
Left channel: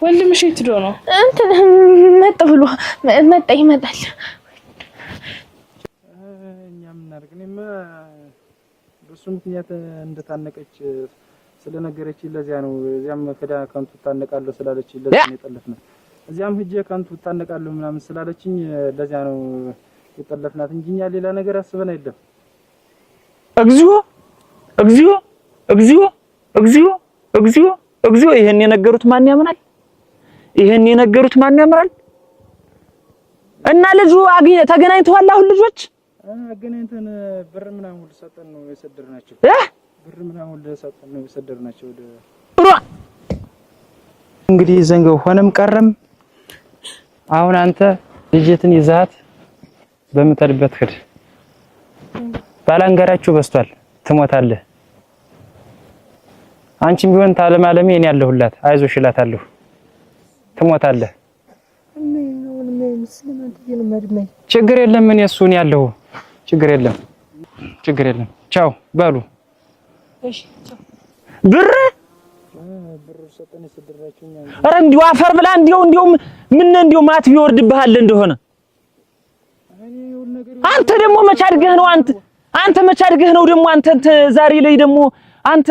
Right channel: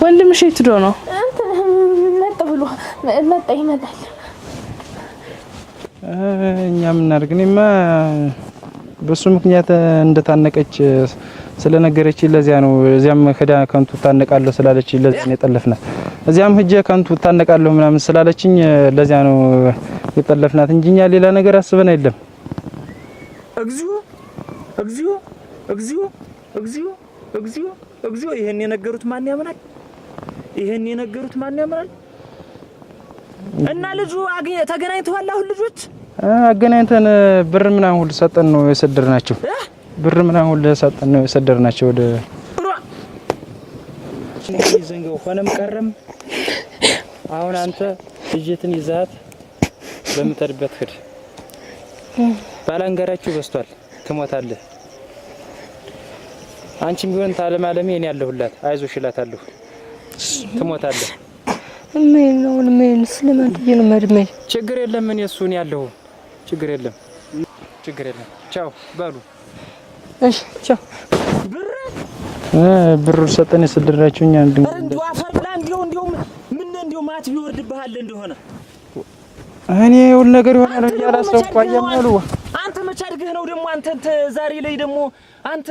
ወንድምሽ የት ሄዶ ነው? እንትን መጣ ብሎ መጣ ይመጣል። እኛ ምን አድርግ? እኔማ በሱ ምክንያት እንደታነቀች ስለነገረች ለዚያ ነው። እዚያም ሄዳ ከንቱ ታነቃለሁ ስላለች ለዚያ ነው የጠለፍናት። እዚያም ሂጄ ከንቱ ታነቃለሁ ምናምን ስላለችኝ ለዚያ ነው የጠለፍናት እንጂ እኛ ሌላ ነገር አስበን አይደለም። እግዚኦ እግዚኦ እግዚኦ እግዚኦ! እግዚኦ ይሄን የነገሩት ማን ያምናል? ይሄን የነገሩት ማን ያምናል? እና ልጁ ተገናኝተዋል። አሁን ልጆች አገናኝተን ብር ምናምን ሁሉ ሰጠን ነው የሰደርናቸው። ብር ምናምን ሁሉ ሰጠን ነው የሰደርናቸው ወደ እንግዲህ ዘንገው ሆነም ቀረም አሁን አንተ ልጅትን ይዛት በመተርበት ሄድ ባላንጋራችሁ በስቷል ትሞታለህ። አንቺም ቢሆን ታለማለሜ እኔ ያለሁላት አይዞሽ እላታለሁ። ትሞታለህ። ምን ስለማንትዬ ነው ማድመይ ችግር የለም ምን እሱን ያለው ችግር የለም ቻው በሉ እሺ ቻው ብር ሰጠን የሰደራችሁኛ ኧረ እንዲው አፈር ብላ እንዲው ማት ቢወርድብሃል እንደሆነ እኔ ሁሉ ነገር ይሆናል። አንተ ደግሞ መቻድግህ ነው አንተ መቻድግህ ነው ደግሞ አንተ ዛሬ ላይ ደግሞ አንተ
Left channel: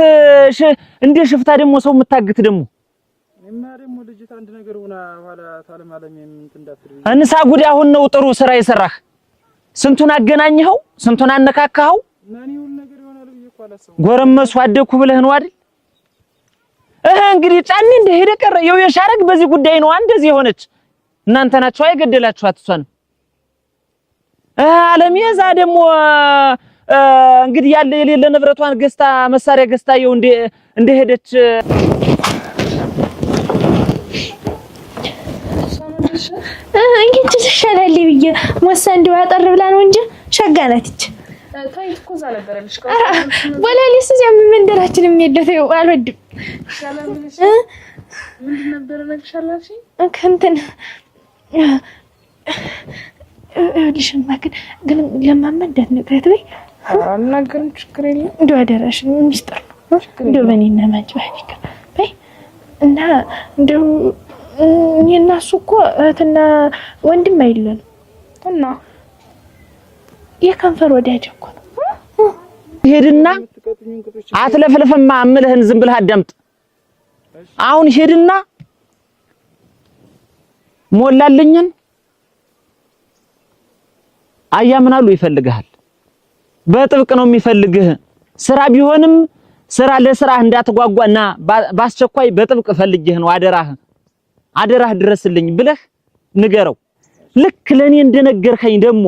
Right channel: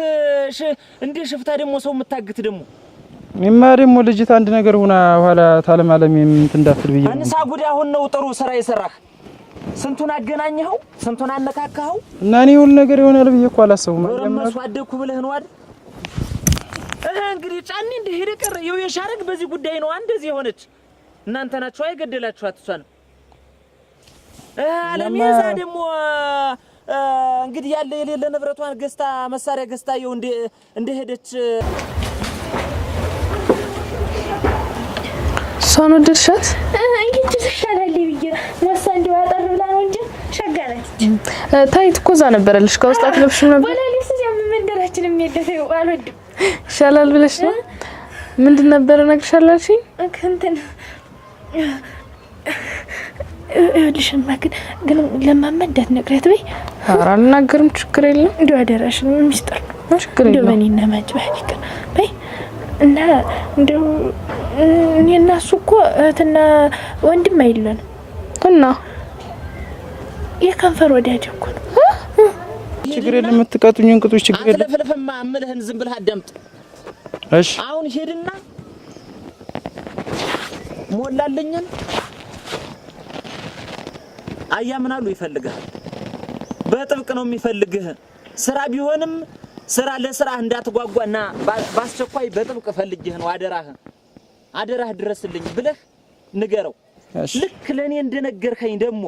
እንደ ሽፍታ ደግሞ ሰው የምታግት ደግሞ እማ ደግሞ ልጅት አንድ ነገር ሆና ኋላ ታለማለም እንዳትል ብዬ አንሳ ጉድ አሁን ነው ጥሩ ስራ የሰራህ። ስንቱን አገናኘኸው ስንቱን አነካካኸው እና እኔ ሁሉ ነገር ይሆናል ብዬ እኮ አላሰብኩም። ጎረመሱ አደኩ ብለህ ነው አይደል? እንግዲህ ጫኒ እንደሄደ ቀረ የው የሻረግ በዚህ ጉዳይ ነው እንደዚህ የሆነች እናንተ ናችሁ አይገደላችኋት እሷን አለሚያዛ ደግሞ እንግዲህ ያለ የሌለ ንብረቷን ገስታ መሳሪያ ገስታ የው እንደሄደች ሶኖ ድርሻት እንግዲህ ተሻላል ብዬ ወሳ እንደው ያጠር ብላ ነው እንጂ ሸጋናት ታይት ኮዛ ነበረልሽ ከውስጣት ለብሽም ነበር ወላሊስ እዚያም መንደራችንም የደፈው አልወድም ሻላል ብለሽ ነው ምንድን ነበር ነግሻላልሽ ከንተን ልሽማ ግን ለማመዳት ነግረት በይ አልናገርም ችግር የለም እንደው አደራሽ ነው ሚስጥር ነው ችግር የለም እንደው በእኔና ማጭባህ ይቀር በይ እና እንደው እኔና እሱ እኮ እህትና ወንድም አይደለም እና የከንፈር ወዳጅ እኮ ነው ሄድና የምትቀጡኝ እንቅጦች ችግር አትለፈልፈማ አምልህን ዝም ብለህ አዳምጥ እሺ አሁን ሄድና ሞላልኝን አያምናሉ ይፈልጋል በጥብቅ ነው የሚፈልግህ ስራ ቢሆንም ስራ ለስራ እንዳትጓጓና ባስቸኳይ በጥብቅ ፈልግህ ነው አደራህ ድረስልኝ ብለህ ንገረው ልክ ለኔ እንደነገርከኝ ደግሞ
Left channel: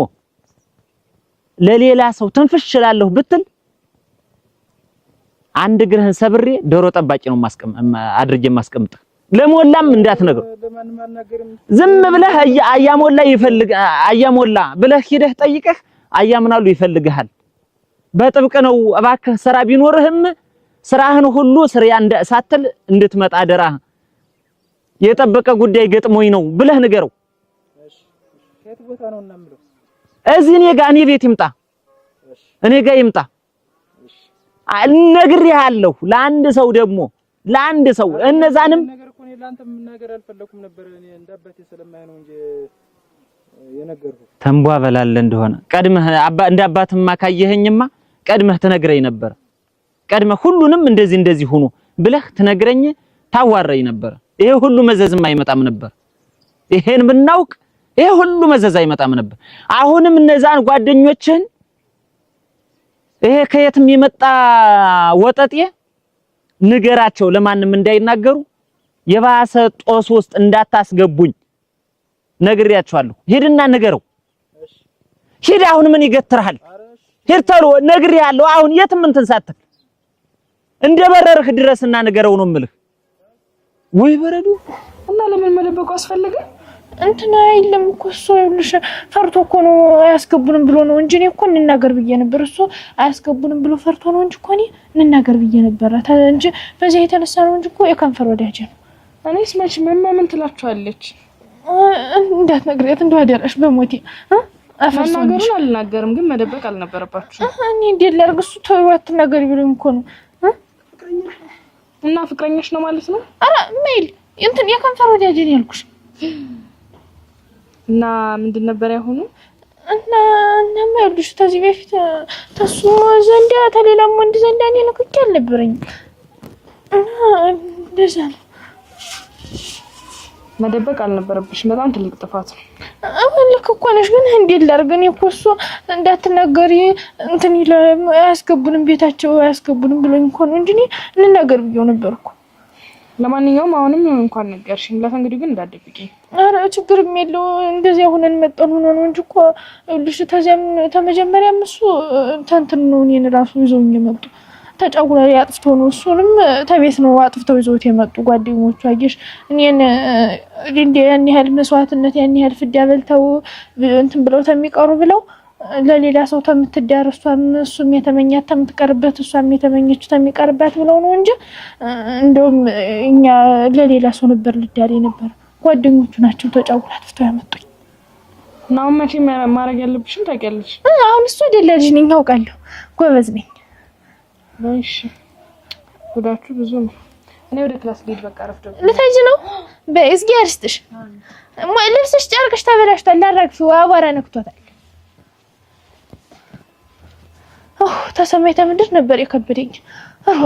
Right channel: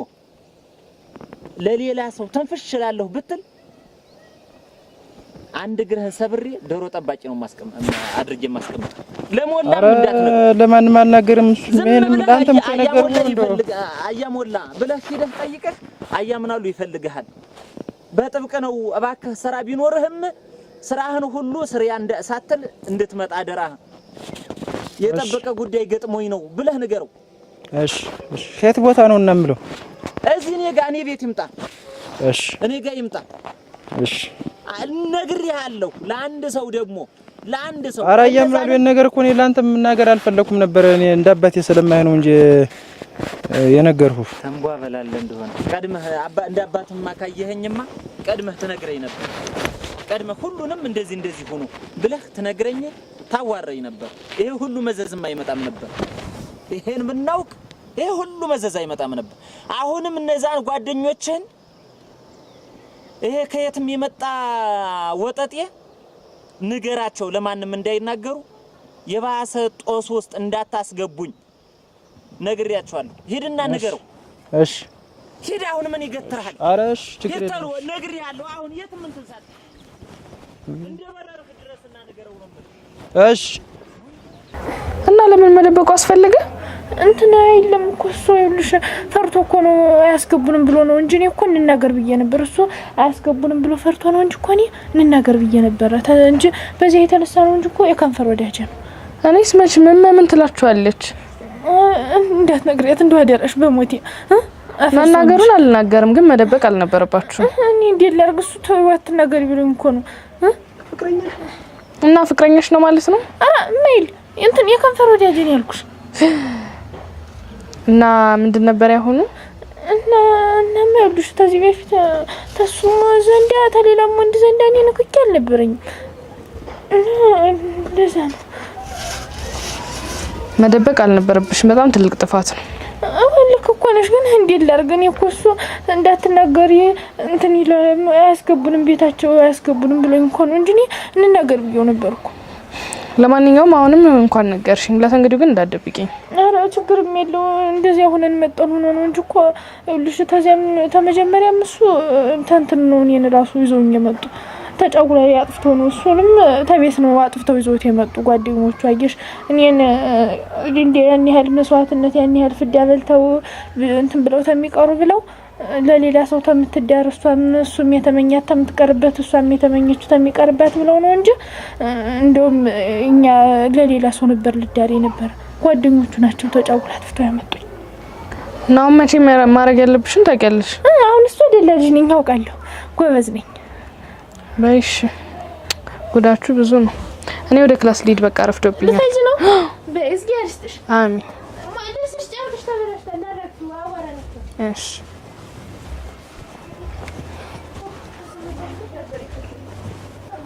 ለሌላ ሰው ትንፍሽላለሁ ብትል አንድ ግርህን ሰብሬ ዶሮ ጠባቂ ነው አድርጌ ማስቀምጥ ለሞላም እንዳትነግር ለማንም አልናገርም ዝም ብለህ አያሞላ ብለህ ሄደህ ጠይቀህ አያምናሉ ይፈልግሃል በጥብቅ ነው እባክህ ስራ ቢኖርህም ስራህን ሁሉ ስሪያ ሳትል እንድትመጣ አደራህ የጠበቀ ጉዳይ ገጥሞኝ ነው ብለህ ንገረው እሺ ከየት ቦታ ነው እናምለው እዚህ እኔ ቤት ይምጣ እሺ እኔ ጋር ይምጣ እሺ ነግሬሃለሁ ለአንድ ሰው እንደዛንም ነገር እኮ እኔ ላንተ መናገር አልፈለኩም ነበር እኔ እንዳባቴ ስለማይ ነው እንጂ የነገርኩህ ተንቧ በላለ እንደሆነ ቀድመህ እንዳባትማ ካየኸኝማ ቀድመህ ትነግረኝ ነበር ቀድመህ ሁሉንም እንደዚህ ሆኖ ብለህ ትነግረኝ ታዋረኝ ነበር ይሄ ሁሉ መዘዝም አይመጣም ነበር ይሄን ብናውቅ ይሄ ሁሉ መዘዝ አይመጣም ነበር አሁንም እነዛን ጓደኞችን ይሄ ከየትም የመጣ ወጠጤ ንገራቸው ለማንም እንዳይናገሩ የባሰ ጦስ ውስጥ እንዳታስገቡኝ ነግሬያቸዋለሁ ሄድና ንገረው እሺ ሄድ አሁን ምን ይገትራል አረሽ ሄድ ተሎ ነግሬያለሁ አሁን የትም እንትን ሳትል እንደበረርህ ድረስና ንገረው ነው የምልህ እሺ ወይ በረዱ እና ለምን መደበቁ አስፈልገ እንትና አይልም እኮ እሱ ይልሽ ፈርቶ እኮ ነው አያስገቡንም ብሎ ነው እንጂ እኔ እኮ እንናገር ብዬ ነበር እሱ አያስገቡንም ብሎ ፈርቶ ነው እንጂ እኮ እኔ እንናገር ብዬ ነበር እንጂ በዚህ የተነሳ ነው እንጂ እኮ የከንፈር ወዳጅ ነው እኔስ መች ምን ትላችኋለች እንዳትነግሪያት እንደው አደረሽ በሞቴ መናገሩን አልናገርም ግን መደበቅ አልነበረባችሁ እኔ እንዴት ላድርግ እሱ ተወት ነገር ይብለኝ እኮ ነው ፍቅረኛሽ ነው ማለት ነው አረ ሜል እንትን የከንፈር ወዳጅ ነው ያልኩሽ እና ምንድን ነበር ያሁኑ እና ማይዱሽ ተዚህ በፊት ተሱ ዘንዳ ተሌላም ወንድ ዘንዳ እኔ ንክኪ አልነበረኝ ለዛ ነው መደበቅ አልነበረብሽም በጣም ትልቅ ጥፋት ነው አሁንልክ እኮ ነሽ ግን እንዴት ላድርግ እኔ እኮ እሱ እንዳትናገሪ እንትን ያስገቡንም ቤታቸው ያስገቡንም ብለኝ እኮ ነው እንጂ እኔ እንናገር ብዬው ነበርኩ ለማንኛውም አሁንም እንኳን ነገርሽኝ። ለተንግዲው ግን እንዳትደብቂኝ። ኧረ ችግርም የለው እንደዚህ ሆነን መጣን ሆኖ ነው እንጂ እኮ ልሽ ተዚያም ተመጀመሪያም እሱ እንትን ነው እኔን ራሱ ይዘውኝ የመጡ ተጫውላ ያጥፍተው ነው እሱንም ተቤት ነው አጥፍተው ይዘውት የመጡ ጓደኞቹ አየሽ እኔን እንደ ያን ያህል መስዋዕትነት ያን ያህል ፍዳ በልተው እንትን ብለው ተሚቀሩ ብለው ለሌላ ሰው ተምትዳርሷ እሱም የተመኛት ተምትቀርበት እሷም የተመኘችው ተሚቀርበት ብለው ነው እንጂ እንደውም እኛ ለሌላ ሰው ነበር ልዳሬ ነበር። ጓደኞቹ ናቸው ተጫውላ አጥፍተው ያመጡኝ። እና መቼ ማድረግ ያለብሽን ታውቂያለሽ። አሁን እሱ አይደለልሽ ነኝ አውቃለሁ። ጎበዝ ነኝ። ባይሽ ጉዳችሁ ብዙ ነው። እኔ ወደ ክላስ ልሂድ በቃ ረፍዶብኛል። ልትሄጂ ነው? በእዝጊ አርስትሽ። አሜን። ልብስሽ ጨርቅሽ ተበላሽቷል። ላራግፊው አቧራ ነክቷል። እሺ ተሰማይ ተምድር ነበር የከበደኝ። አዎ